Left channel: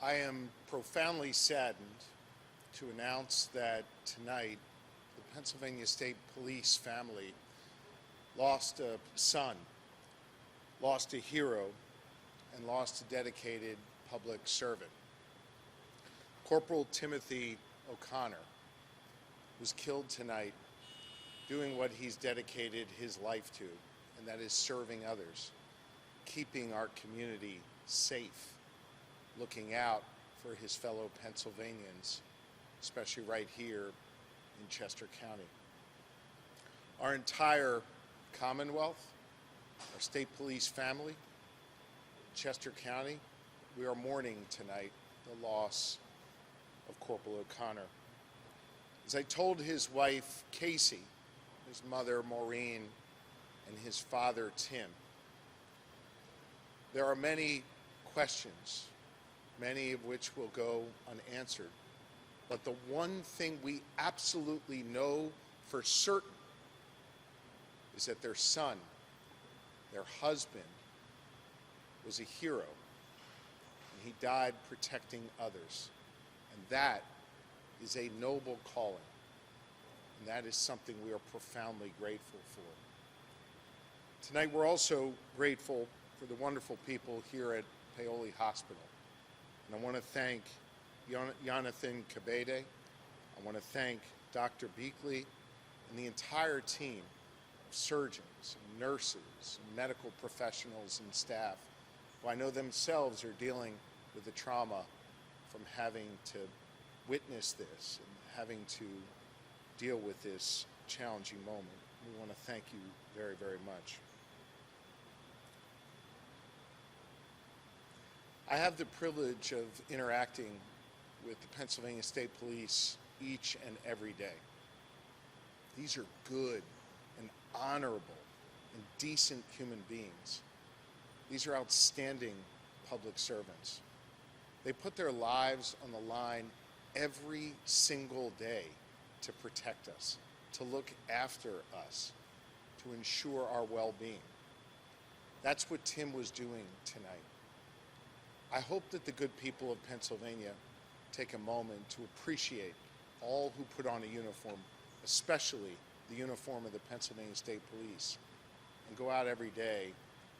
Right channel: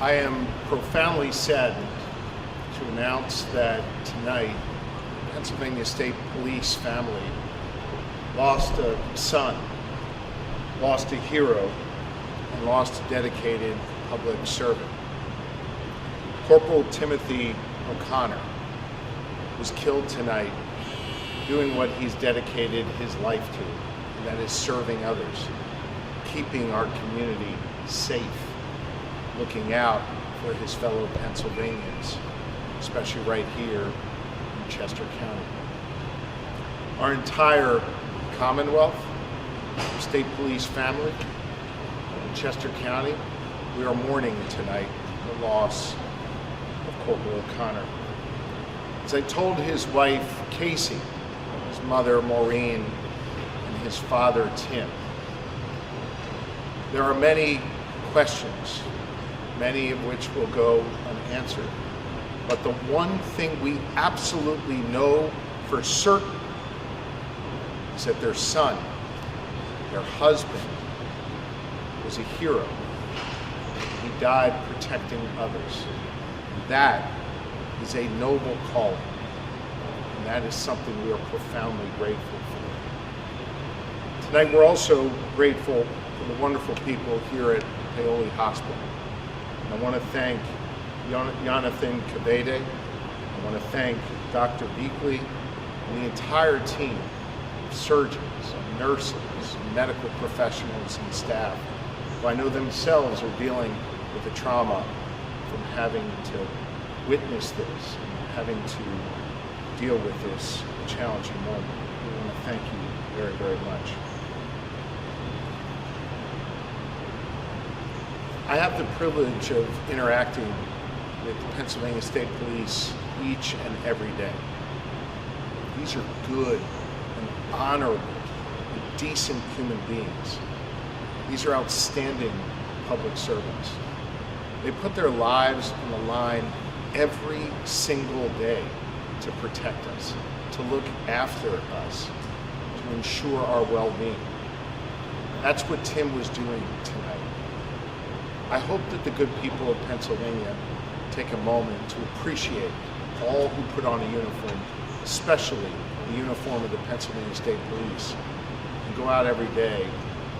I am profoundly saddened to announce that tonight, Pennsylvania State Police family lost a son, lost a hero, and lost a dedicated public servant. Corporal Timothy O'Connor was killed tonight doing what he's dedicated his life to, and that is serving others, keeping our community safe, looking out for his fellow Pennsylvanians, especially right here in Chester County. Our entire Commonwealth, State Police family in Chester County, we are mourning tonight the loss of Corporal O'Connor. As I told his wife, Casey, his mother, Maureen, and his father, Tim, there are many questions, many of which will go unanswered. But the one thing we absolutely know for certain is that their son, their husband, was a hero. He died protecting others. That is a noble calling, and that is something we are profoundly grateful for. Tonight we're also grateful for the wonderful people here at Paoli Hospital. I want to thank Jonathan Cabede. I want to thank Dr. Beakley and the entire team of surgeons, nurses, medical professionals, and staff who I know themselves are dealing with the trauma from having to witness this, and having to deal with this challenging moment. We want to thank you very, very much. I have the privilege of interacting with the Pennsylvania State Police each and every day. These are good and honorable and decent human beings. These are outstanding public servants. They put their lives on the line every single day to protect us, to look after us, to ensure our well-being. That's what Tim was doing tonight. I hope that the good people of Pennsylvania take a moment to appreciate all who put on a uniform, especially the uniform of the Pennsylvania State Police, and go out every day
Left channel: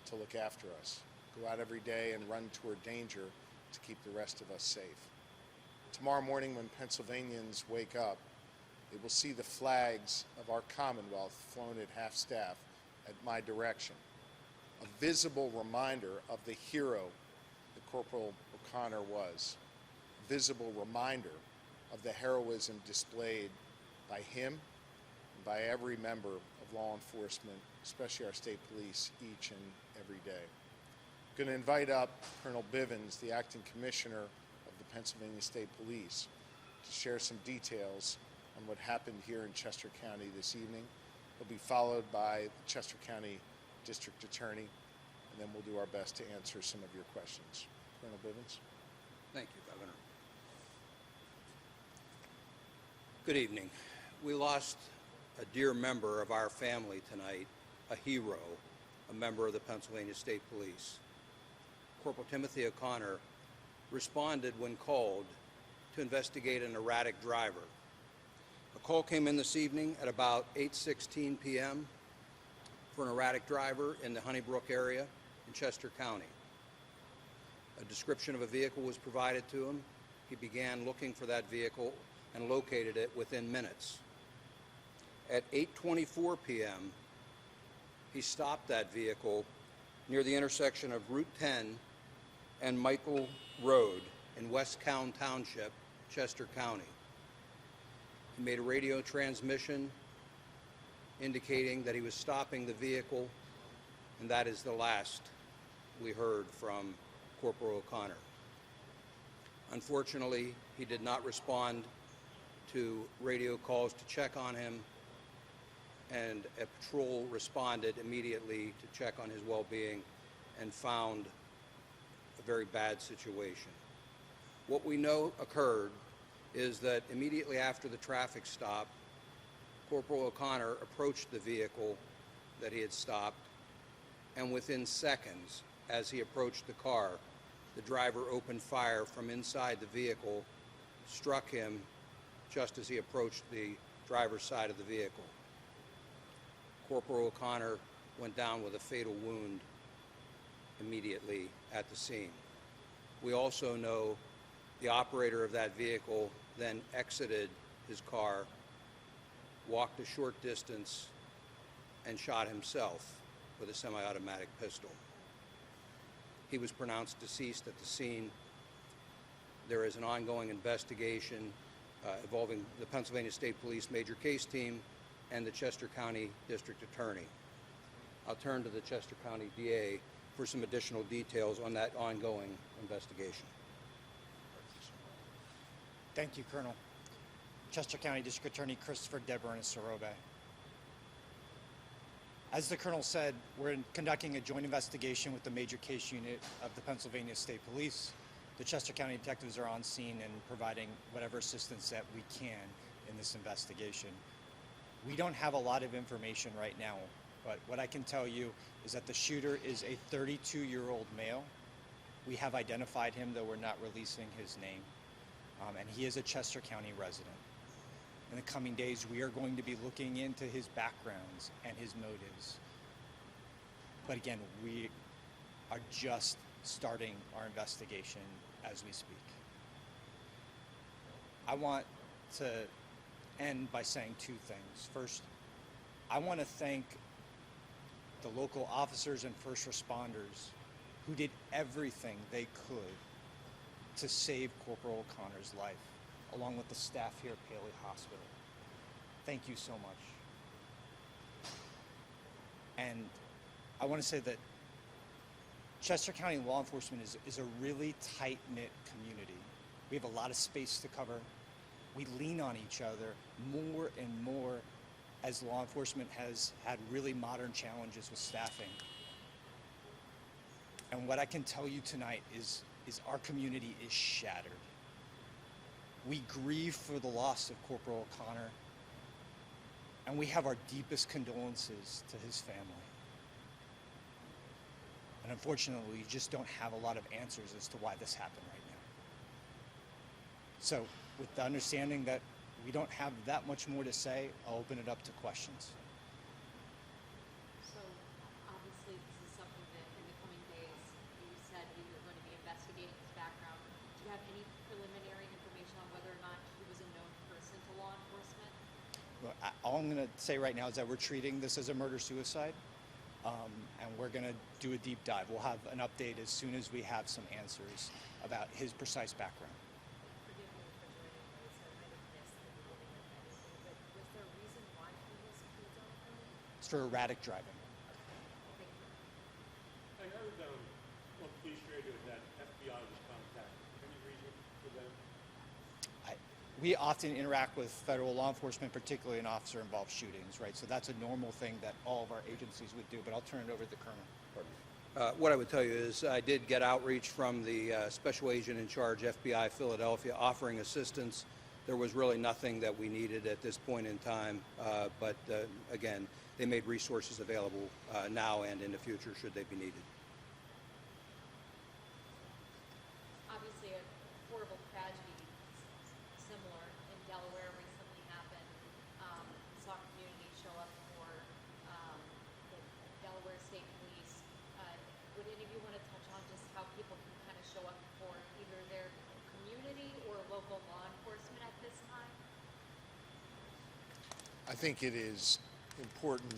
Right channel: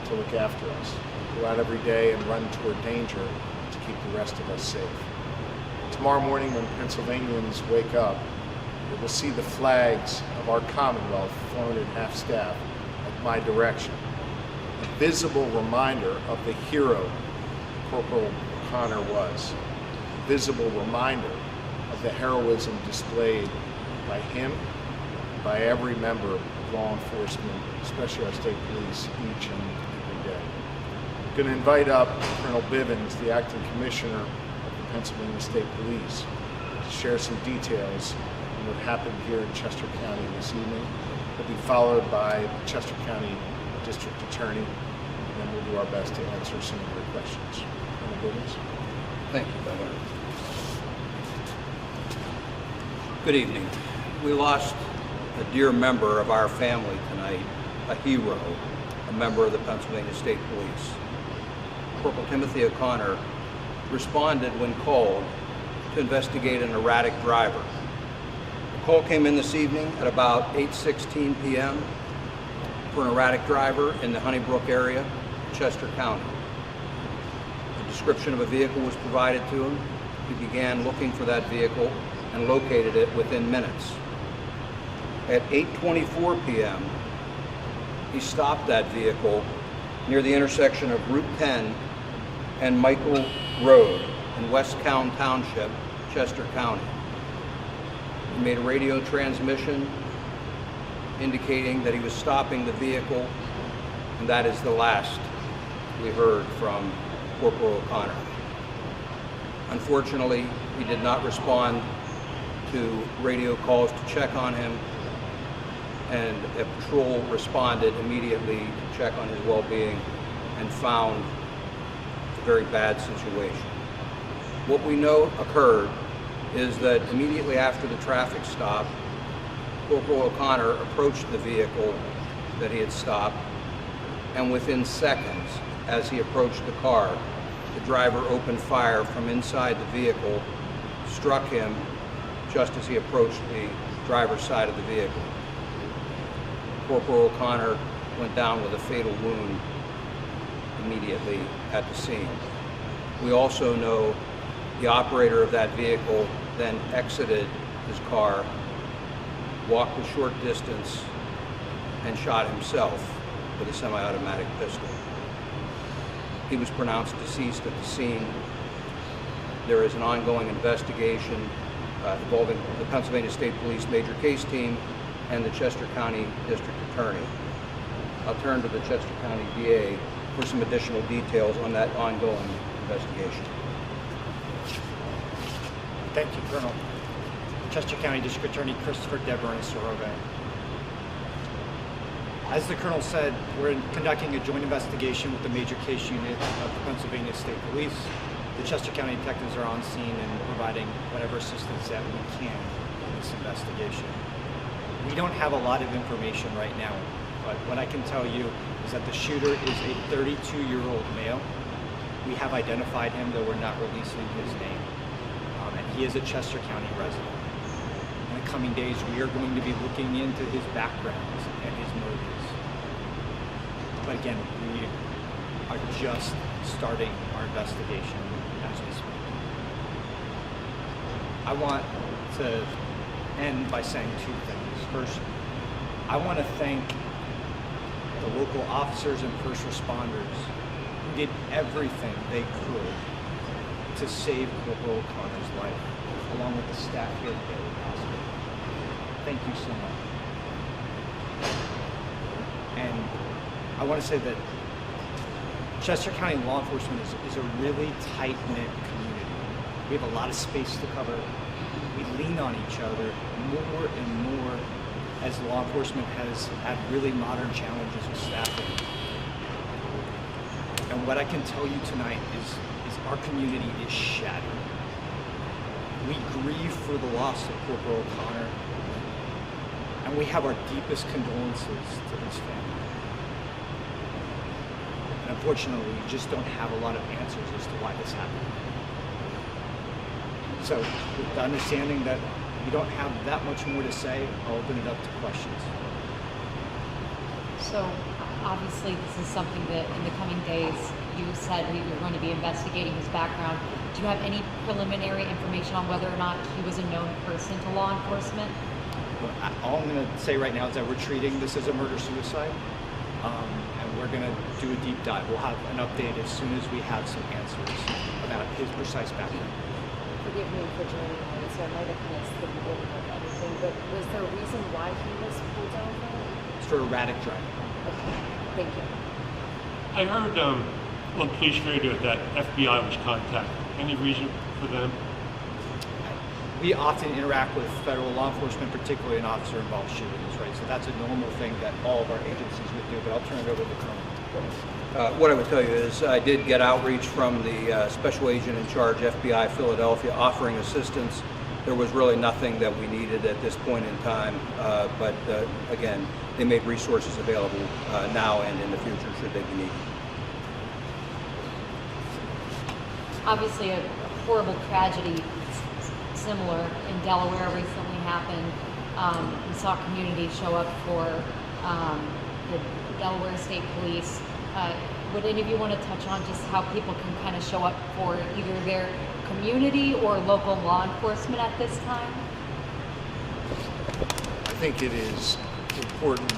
to look after us, go out every day and run toward danger to keep the rest of us safe. Tomorrow morning when Pennsylvanians wake up, they will see the flags of our Commonwealth flown at half-staff at my direction, a visible reminder of the hero Corporal O'Connor was, a visible reminder of the heroism displayed by him, by every member of law enforcement, especially our state police, each and every day. I'm going to invite up Colonel Bivens, the acting commissioner of the Pennsylvania State Police, to share some details on what happened here in Chester County this evening. He'll be followed by the Chester County District Attorney, and then we'll do our best to answer some of your questions. Colonel Bivens. Thank you, Governor. Good evening. We lost a dear member of our family tonight, a hero, a member of the Pennsylvania State Police. Corporal Timothy O'Connor responded when called to investigate an erratic driver. The call came in this evening at about 8:16 p.m. for an erratic driver in the Honeybrook area, Chester County. A description of a vehicle was provided to him. He began looking for that vehicle and located it within minutes. At 8:24 p.m., he stopped that vehicle near the intersection of Route 10 and Michael Road in West County Township, Chester County. He made a radio transmission indicating that he was stopping the vehicle, and that is the last we heard from Corporal O'Connor. Unfortunately, he did not respond to radio calls to check on him, and a patrol responded immediately to check on his well-being and found a very bad situation. What we know occurred is that immediately after the traffic stop, Corporal O'Connor approached the vehicle that he had stopped, and within seconds, as he approached the car, the driver opened fire from inside the vehicle, struck him just as he approached the driver's side of the vehicle. Corporal O'Connor went down with a fatal wound immediately at the scene. We also know the operator of that vehicle then exited his car, walked a short distance, and shot himself with a semi-automatic pistol. He was pronounced deceased at the scene. There is an ongoing investigation involving the Pennsylvania State Police Major Case Team and the Chester County District Attorney. I'll turn to the Chester County D.A. for some additional details on that ongoing investigation. Thank you, Colonel. Chester County District Attorney Christopher Barrena-Sarobe. As the Colonel said, we're conducting a joint investigation with the Major Case Unit of the Pennsylvania State Police. The Chester County detectives are on scene and providing whatever assistance that we can in this investigation. We don't have a lot of information right now, but what I can tell you is that the shooter is a 32-year-old male. We have identified him, though we're not releasing his name, and he is a Chester County resident. In the coming days, we are going to be looking into his backgrounds and his motives. But again, we are just starting our investigation as we speak. I want to end by saying two things. First, I want to thank the local officers and first responders who did everything they could to save Corporal O'Connor's life, along with the staff here at Baylor Hospital. Thank you so much. And I want to say that Chester County law enforcement is a really tight-knit community. We have a lot of space to cover. We lean on each other more and more as law enforcement has had really modern challenges with staffing. And what I can tell you tonight is our community is shattered. We grieve for the loss of Corporal O'Connor, and we have our deepest condolences to his family. And unfortunately, we just don't have a lot of answers as to why this happened. So, with the understanding that we don't have that much more to say, I'll open it up to questions. So, obviously, this is something that in the coming days, you said you're going to be investigating his background. Do you have any preliminary information on whether or not he was a known person to law enforcement? Well, all I'm going to say right now is that we're treating this as a murder-suicide, and we're going to do a deep dive. We'll have an update as soon as we have some answers about his precise background. Forgive me for joining late, so I might have missed the beginning of everything, but was there a reason why he was pulled over? It's for erratic driving. Okay, thank you. I heard on police radio that FBI was contacted. Any reason for them? We often interact with federal law enforcement, particularly in officer-involved shootings, right? So that's a normal thing that all of our agencies would do, but I'll turn it over to the Colonel. What I would tell you is I did get outreach from the Special Agent in Charge, FBI Philadelphia, offering assistance. There was really nothing that we needed at this point in time, but again, they made resources available now and in the future should they be needed. Obviously, a horrible tragedy similar in Delaware recently happened. We saw community show up for the Delaware State Police. Would any of you want to touch on just how people can kind of show up for either their community or local law enforcement at this time? I think it is important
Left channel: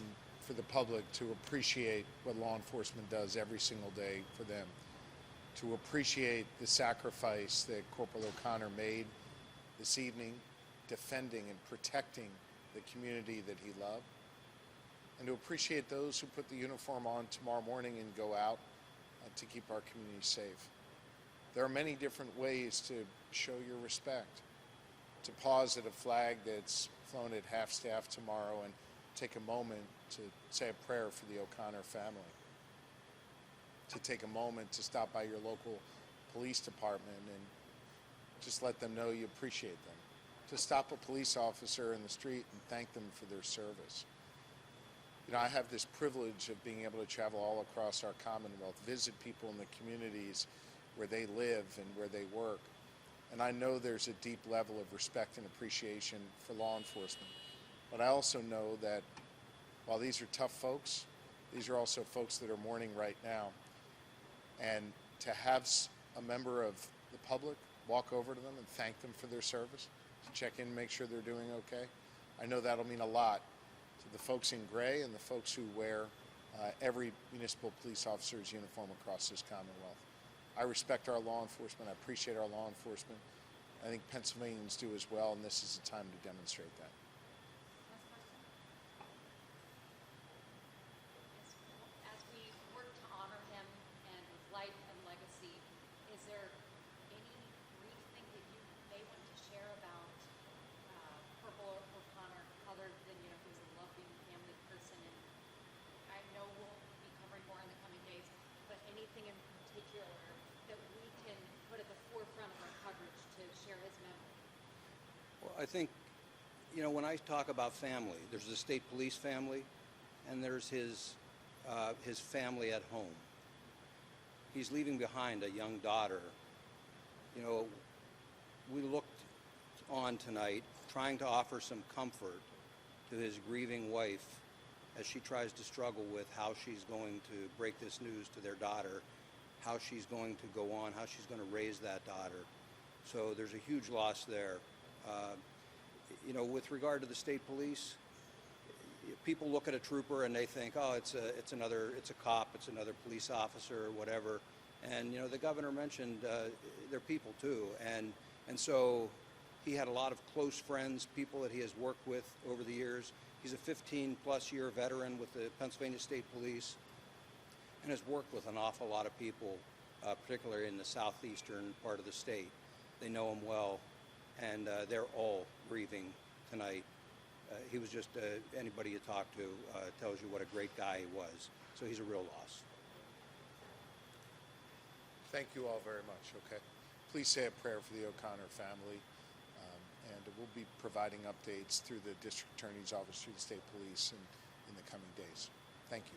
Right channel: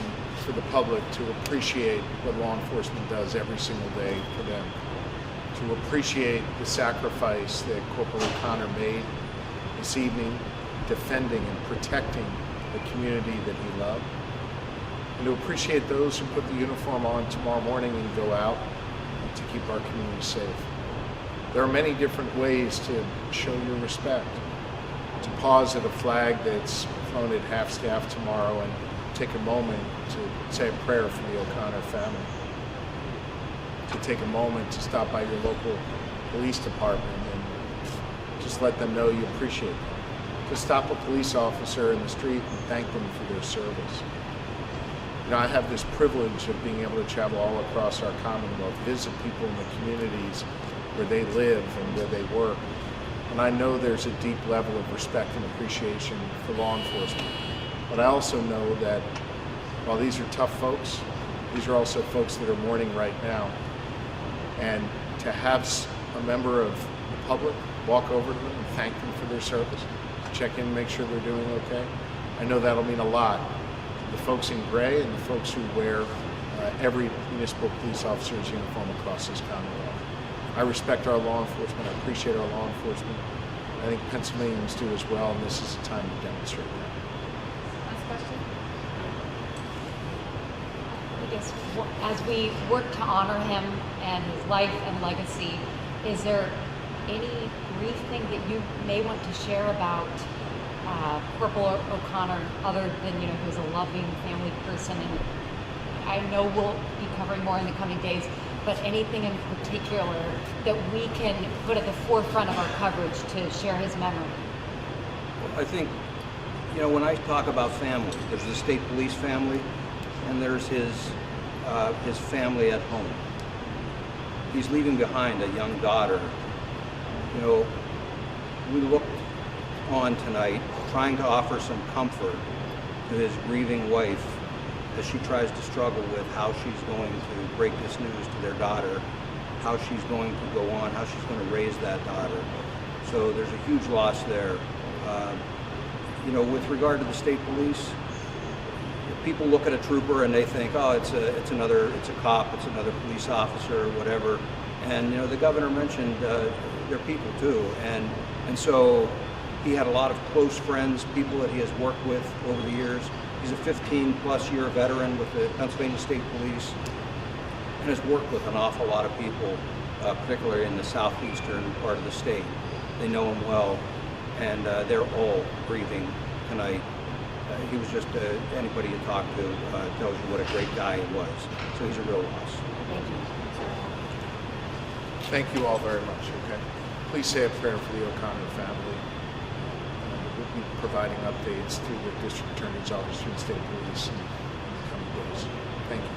for the public to appreciate what law enforcement does every single day for them, to appreciate the sacrifice that Corporal O'Connor made this evening, defending and protecting the community that he loved, and to appreciate those who put the uniform on tomorrow morning and go out to keep our community safe. There are many different ways to show your respect. To pause at a flag that's flown at half-staff tomorrow and take a moment to say a prayer for the O'Connor family. To take a moment to stop by your local police department and just let them know you appreciate them. To stop a police officer in the street and thank them for their service. You know, I have this privilege of being able to travel all across our Commonwealth, visit people in the communities, where they live and where they work. And I know there's a deep level of respect and appreciation for law enforcement. But I also know that while these are tough folks, these are also folks that are mourning right now. And to have a member of the public walk over to them and thank them for their service, check in, make sure they're doing okay, I know that'll mean a lot to the folks in gray and the folks who wear every municipal police officer's uniform across this Commonwealth. I respect our law enforcement. I appreciate our law enforcement. I think Pennsylvanians do as well, and this is a time to demonstrate that. Last question? I guess as we work to honor him and his life and legacy, is there any brief thing that you may want to share about Corporal O'Connor, other than, you know, he was a loving family person, and I know we'll be covering more in the coming days, but anything in particular that we can put at the forefront of our coverage to share his memory? I think, you know, when I talk about family, there's the state police family, and there's his family at home. He's leaving behind a young daughter. You know, we looked on tonight trying to offer some comfort to his grieving wife as she tries to struggle with how she's going to break this news to their daughter, how she's going to go on, how she's going to raise that daughter. So there's a huge loss there. You know, with regard to the state police, people look at a trooper and they think, oh, it's a cop, it's another police officer, or whatever. And you know, the governor mentioned they're people too, and so he had a lot of close friends, people that he has worked with over the years. He's a 15-plus year veteran with the Pennsylvania State Police and has worked with an awful lot of people, particularly in the southeastern part of the state. They know him well, and they're all grieving tonight. He was just, anybody you talk to tells you what a great guy he was. So he's a real loss. Thank you. Thank you all very much, okay? Please say a prayer for the O'Connor family. We'll be providing updates through the District Attorney's Office, through the State Police in the coming days. Thank you.